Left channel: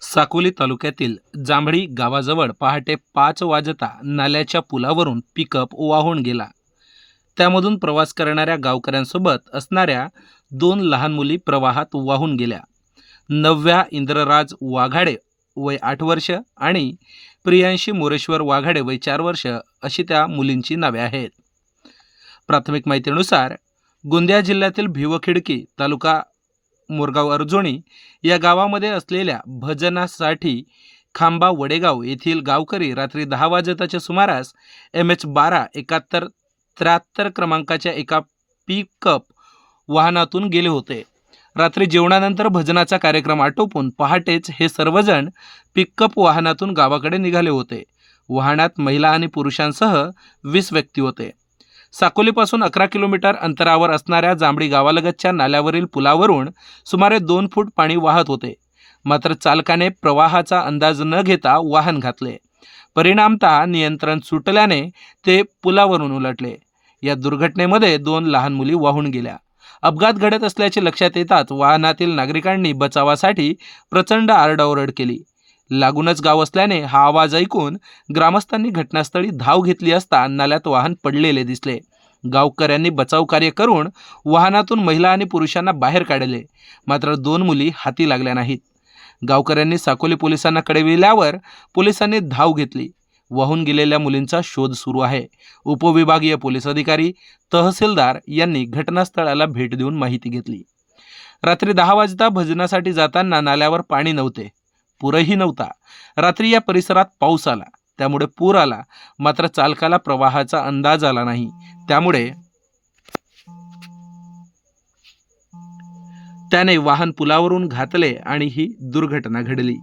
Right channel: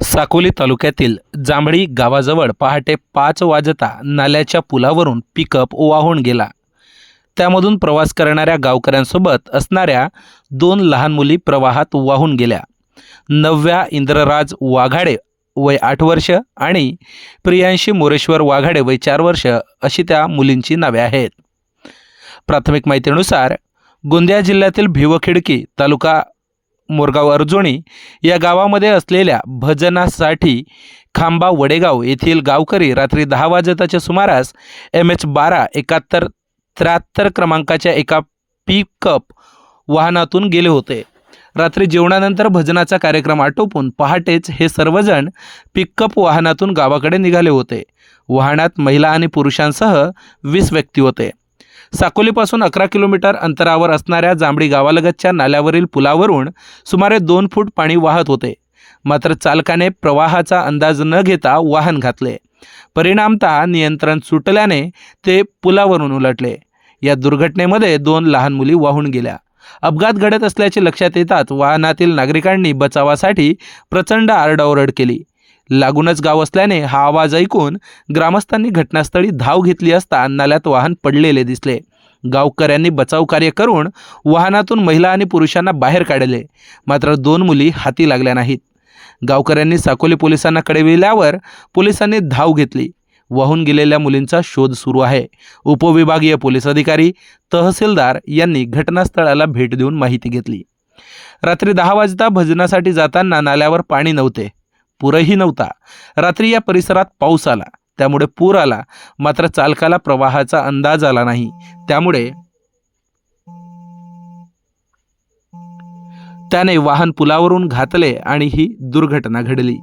साकोली तालुक्यातील जांभळी गावाजवळ पहाटे पाच वाजता नाल्याच्या पुलावरून पिकअप वाहून गेला. त्यामधून प्रवास करणाऱ्या गावकऱ्यांसोबत असणाऱ्या दोन लहान मुली प्रवाहात वाहून गेल्या. नवव्या इंद्रराज वाघाडे वय आठ वर्ष आणि प्रियांशी मोरेश्वर वाघाडे वय चार वर्ष अशी त्या मुलींची नावे आहेत. प्राथमिक माहितीनुसार गोंदिया जिल्ह्यातील भिवखिडकी तालुका मोरगाव अर्जुनी या गावामध्ये असलेल्या भजनासाठी खांबा वडेगाव येथील गावकरी रात्री दहा वाजताच्या सुमारास एम एच बारा एकाहत्तर त्र्याहत्तर क्रमांकाच्या एका पिकअप वाहनातून गेले होते. रात्री जेवणानंतर भजनाचा कार्यक्रम आटोपून पहाटेच हे सर्वजण पिकअप वाहनातून गावाकडे निघाले होते. वाहनात महिला आणि पुरुषांसह वीस व्यक्ती होते. साकोलीपासून अकरा किलोमीटर अंतरावर असणाऱ्या जांभळी गावालगतच्या नाल्यावरील पुलावरून सुमारे दोन फूट पाणी वाहत होते. मात्र चालकाने प्रवाहाचा अंदाज न घेता वाहन घातले. परिणामतः नियंत्रण सुटल्याने ते पुलावरून उलटले. या दुर्घटनेमध्ये दोन लहान मुली वाहून गेल्या. अपघात घडत असल्याचे लक्षात येताच वाहनातील नागरिकांनी बचावासाठी प्रचंड आरडाओरड केली. लागूनच गाव असल्याने हा आवाज ऐकून ग्रामस्थांनी घटनास्थळी धाव घेतली असता नाल्यात वाहन पडलेले दिसले. गावकऱ्यांनी बचाव कार्य करून वाहनातून महिला आणि पुरुषांना बाहेर काढले. मात्र दोन मुली हाती लागल्या नाहीत. गावकऱ्यांनी साकोली पोलिसांना कळविल्यावर पोलिसांनी धाव घेतली. वाहून गेलेल्या मुलींचा शोध सुरू आहे. उपविभागीय पोलीस अधिकारी तहसीलदार यांनी घटनास्थळाला भेट देऊन माहिती घेतली. रात्री दहा वाजता भजनासाठी जाताना नाल्यावर पाणी नव्हते. पुरही नव्हता. रात्री या परिसरात पाऊस आला. त्यामुळे पूर आला. मात्र चालकाला प्रवाहाचा अंदाज आला नाही. त्यामुळे त्याने वाहन पुलावरून घातले आणि ही दुर्घटना घडली.